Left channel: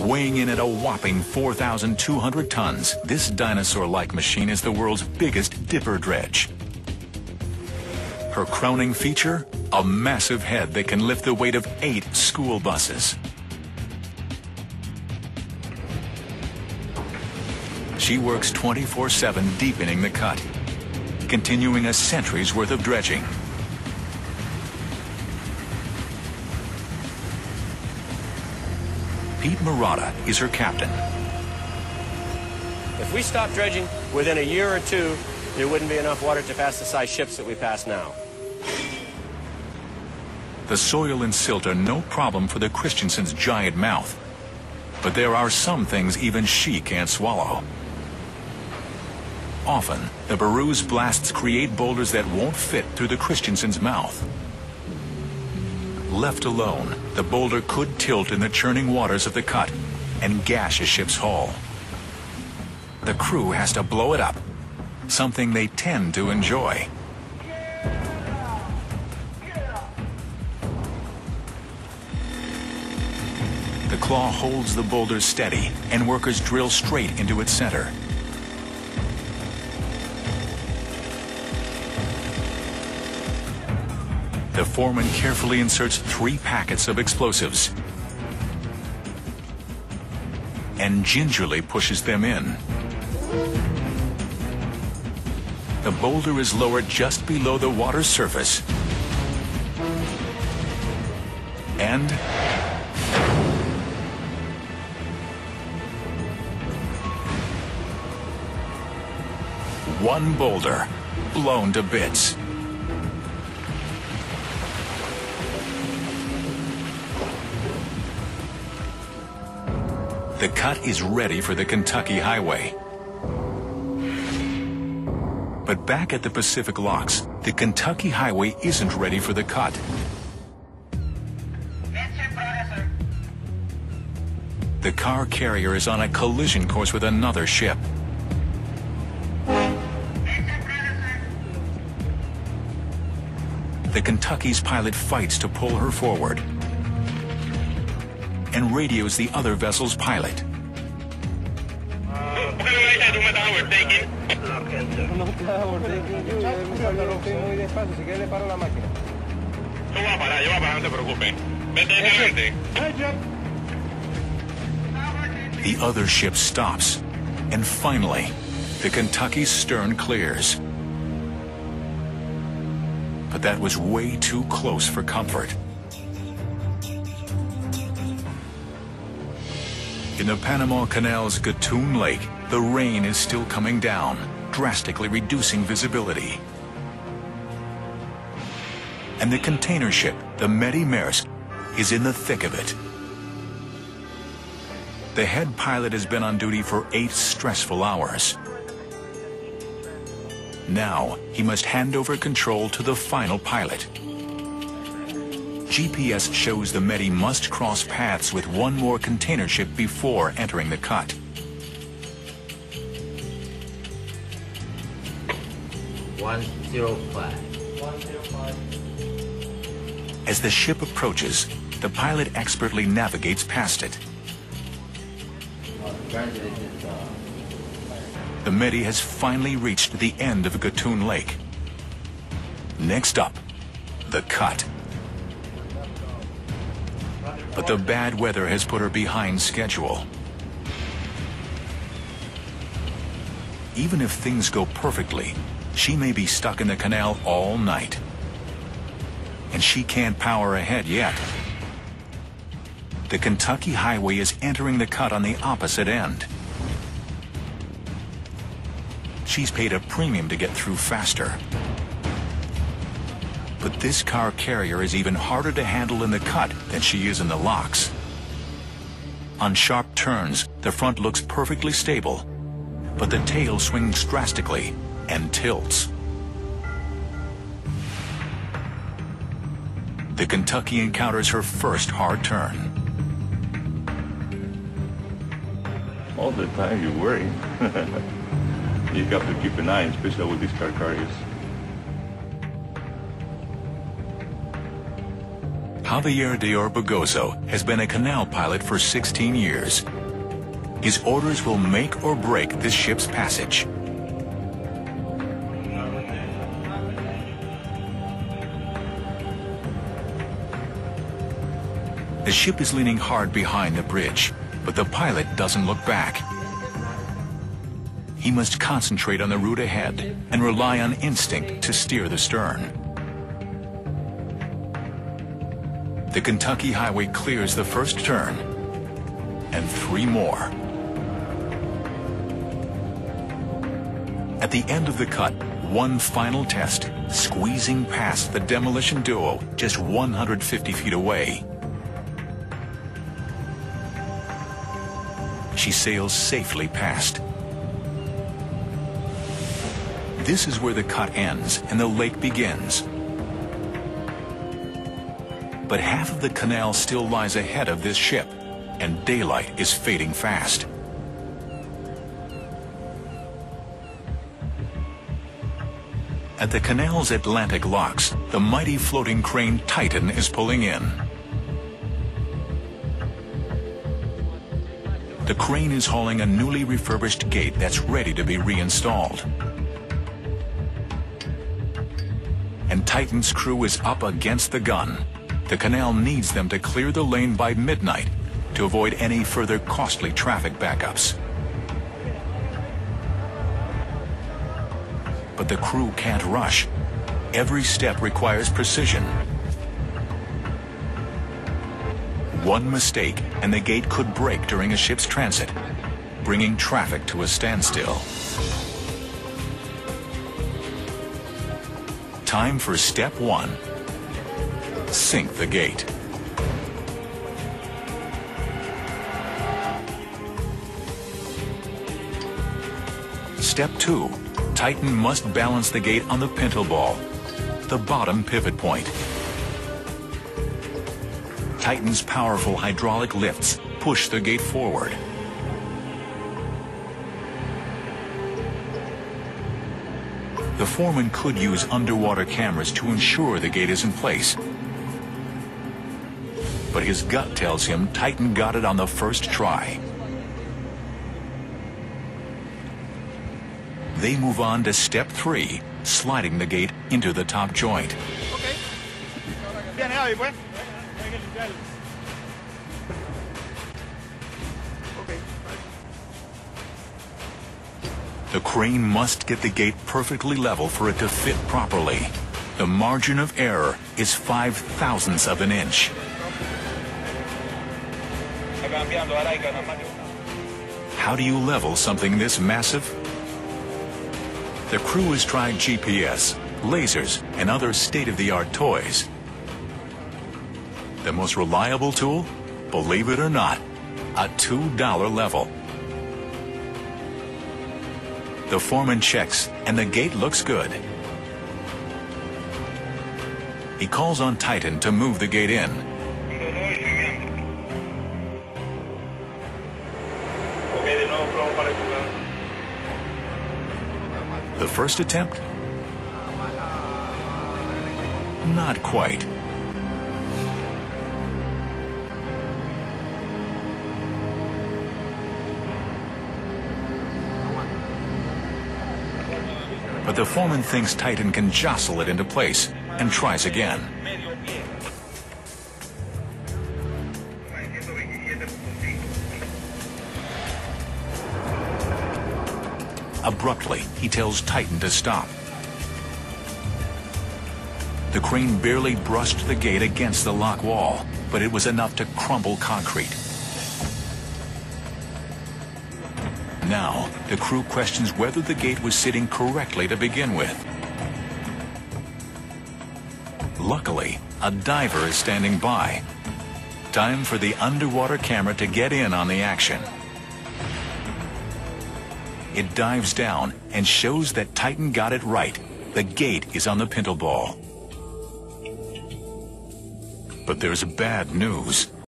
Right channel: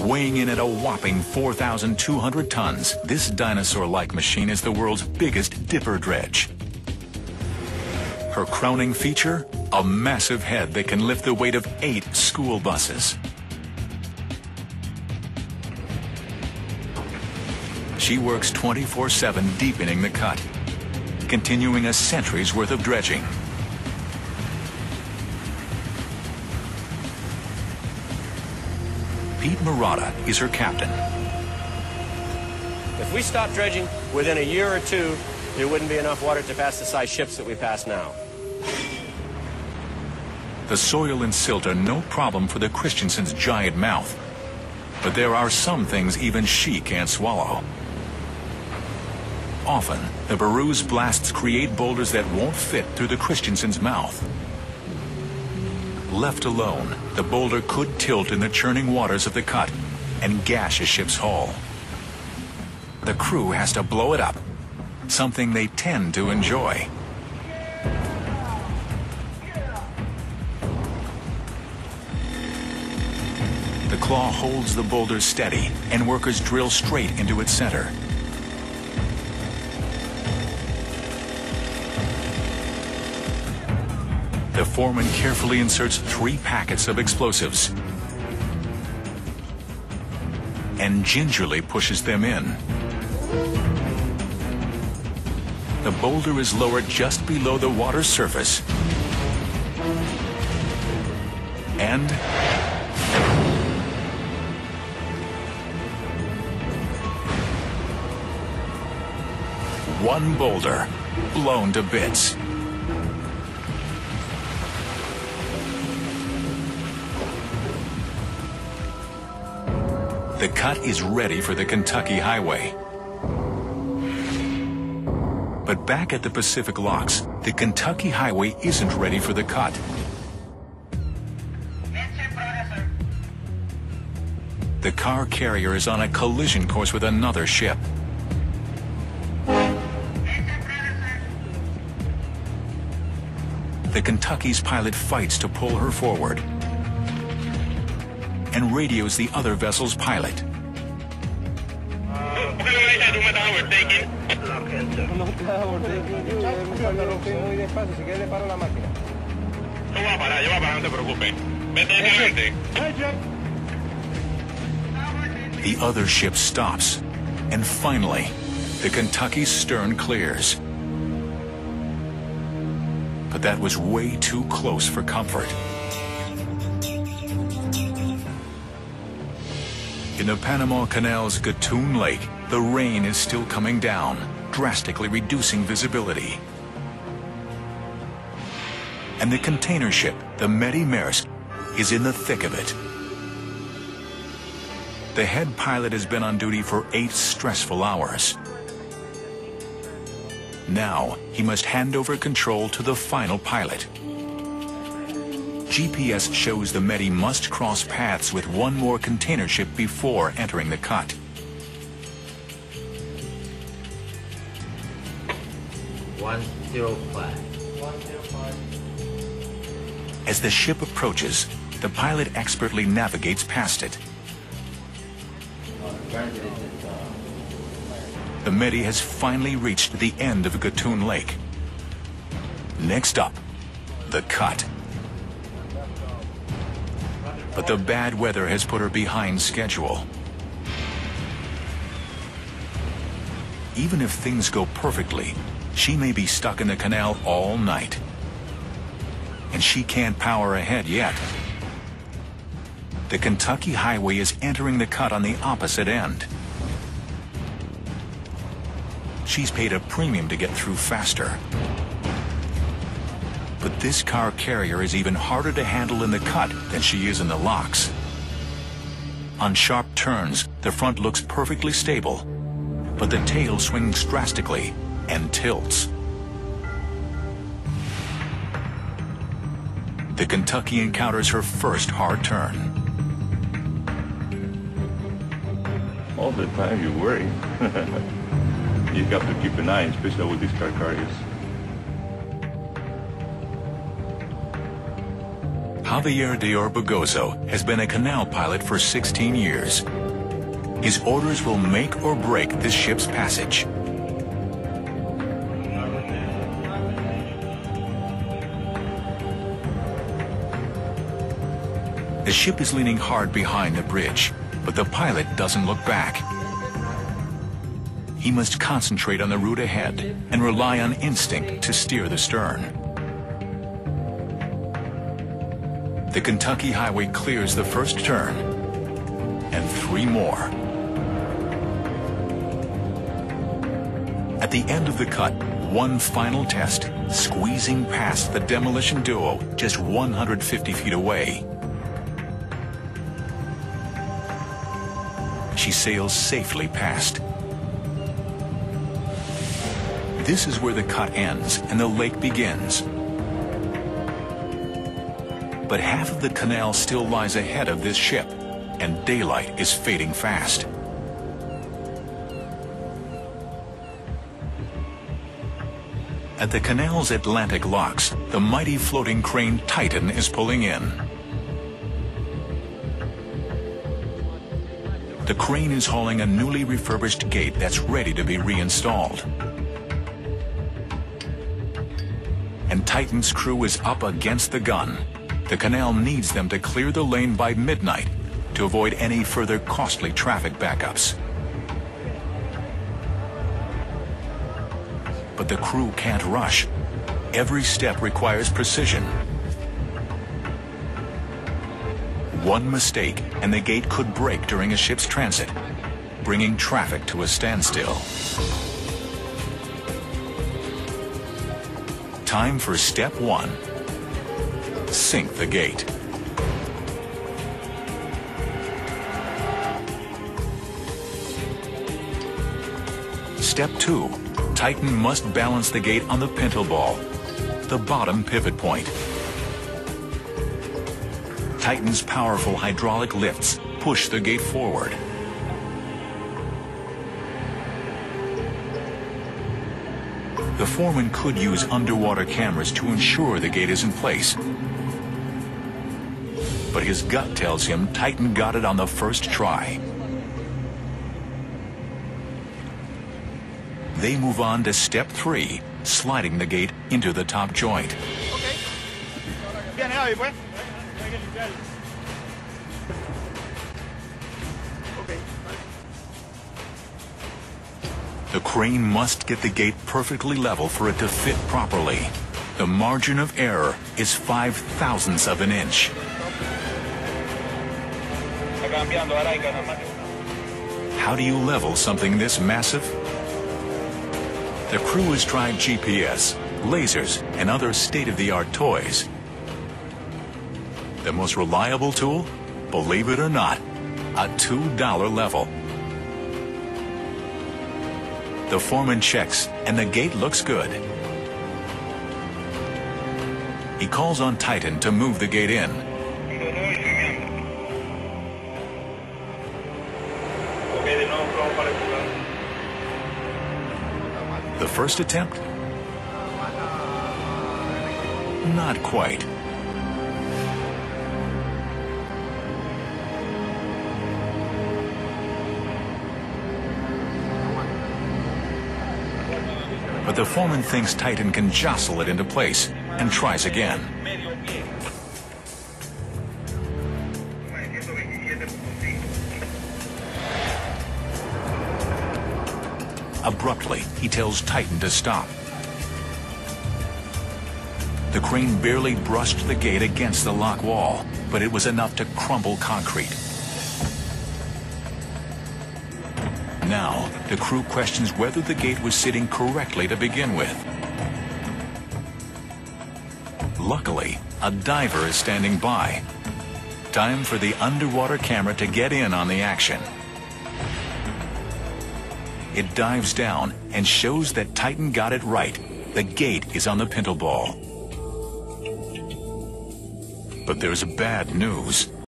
Weighing in at a whopping 4,200 tons, this dinosaur-like machine is the world's biggest dipper dredge. Her crowning feature? A massive head that can lift the weight of 8 school buses. She works 24/7 deepening the cut, continuing a century's worth of dredging. Pete Murata is her captain. If we stopped dredging within a year or two, there wouldn't be enough water to pass the size ships that we pass now. The soil and silt are no problem for the Christensen's giant mouth, but there are some things even she can't swallow. Often, the Baru's blasts create boulders that won't fit through the Christensen's mouth. Left alone, the boulder could tilt in the churning waters of the cut and gash a ship's hull. The crew has to blow it up, something they tend to enjoy. The claw holds the boulder steady, and workers drill straight into its center. The foreman carefully inserts 3 packets of explosives and gingerly pushes them in. The boulder is lowered just below the water's surface. And one boulder blown to bits. The cut is ready for the Kentucky Highway. But back at the Pacific Locks, the Kentucky Highway isn't ready for the cut. The car carrier is on a collision course with another ship. The Kentucky's pilot fights to pull her forward and radios the other vessel's pilot. The other ship stops, and finally, the Kentucky's stern clears. But that was way too close for comfort. In the Panama Canal's Gatun Lake, the rain is still coming down, drastically reducing visibility. And the container ship, the Medi Maersk, is in the thick of it. The head pilot has been on duty for 8 stressful hours. Now, he must hand over control to the final pilot. GPS shows the Medi must cross paths with one more container ship before entering the cut. As the ship approaches, the pilot expertly navigates past it. The Medi has finally reached the end of Gatun Lake. Next up, the cut. But the bad weather has put her behind schedule. Even if things go perfectly, she may be stuck in the canal all night. And she can't power ahead yet. The Kentucky Highway is entering the cut on the opposite end. She's paid a premium to get through faster. But this car carrier is even harder to handle in the cut than she is in the locks. On sharp turns, the front looks perfectly stable, but the tail swings drastically and tilts. The Kentucky encounters her first hard turn. All the time you worry. You have to keep an eye, especially with these car carriers. How Javier de Orbegozo has been a canal pilot for 16 years. His orders will make or break this ship's passage. The ship is leaning hard behind the bridge, but the pilot doesn't look back. He must concentrate on the route ahead and rely on instinct to steer the stern. The Kentucky Highway clears the first turn, and 3 more. At the end of the cut, one final test, squeezing past the demolition duo just 150 feet away. She sails safely past. This is where the cut ends and the lake begins. But half of the canal still lies ahead of this ship, and daylight is fading fast. At the canal's Atlantic locks, the mighty floating crane Titan is pulling in. The crane is hauling a newly refurbished gate that's ready to be reinstalled. And Titan's crew is up against the gun. The canal needs them to clear the lane by midnight to avoid any further costly traffic backups. But the crew can't rush. Every step requires precision. One mistake, and the gate could break during a ship's transit, bringing traffic to a standstill. Time for step 1. Sink the gate. Step 2. Titan must balance the gate on the pintle ball, the bottom pivot point. Titan's powerful hydraulic lifts push the gate forward. The foreman could use underwater cameras to ensure the gate is in place. But his gut tells him Titan got it on the first try. They move on to step 3, sliding the gate into the top joint. The crane must get the gate perfectly level for it to fit properly. The margin of error is 5/1000ths of an inch. How do you level something this massive? The crew has tried GPS, lasers, and other state-of-the-art toys. The most reliable tool, believe it or not, a $2 level. The foreman checks, and the gate looks good. He calls on Titan to move the gate in. The first attempt? Not quite. But the foreman thinks Titan can jostle it into place and tries again. Abruptly, he tells Titan to stop. The crane barely brushed the gate against the lock wall, but it was enough to crumble concrete. Now, the crew questions whether the gate was sitting correctly to begin with. Luckily, a diver is standing by. Time for the underwater camera to get in on the action. It dives down and shows that Titan got it right. The gate is on the pintle ball. But there's bad news.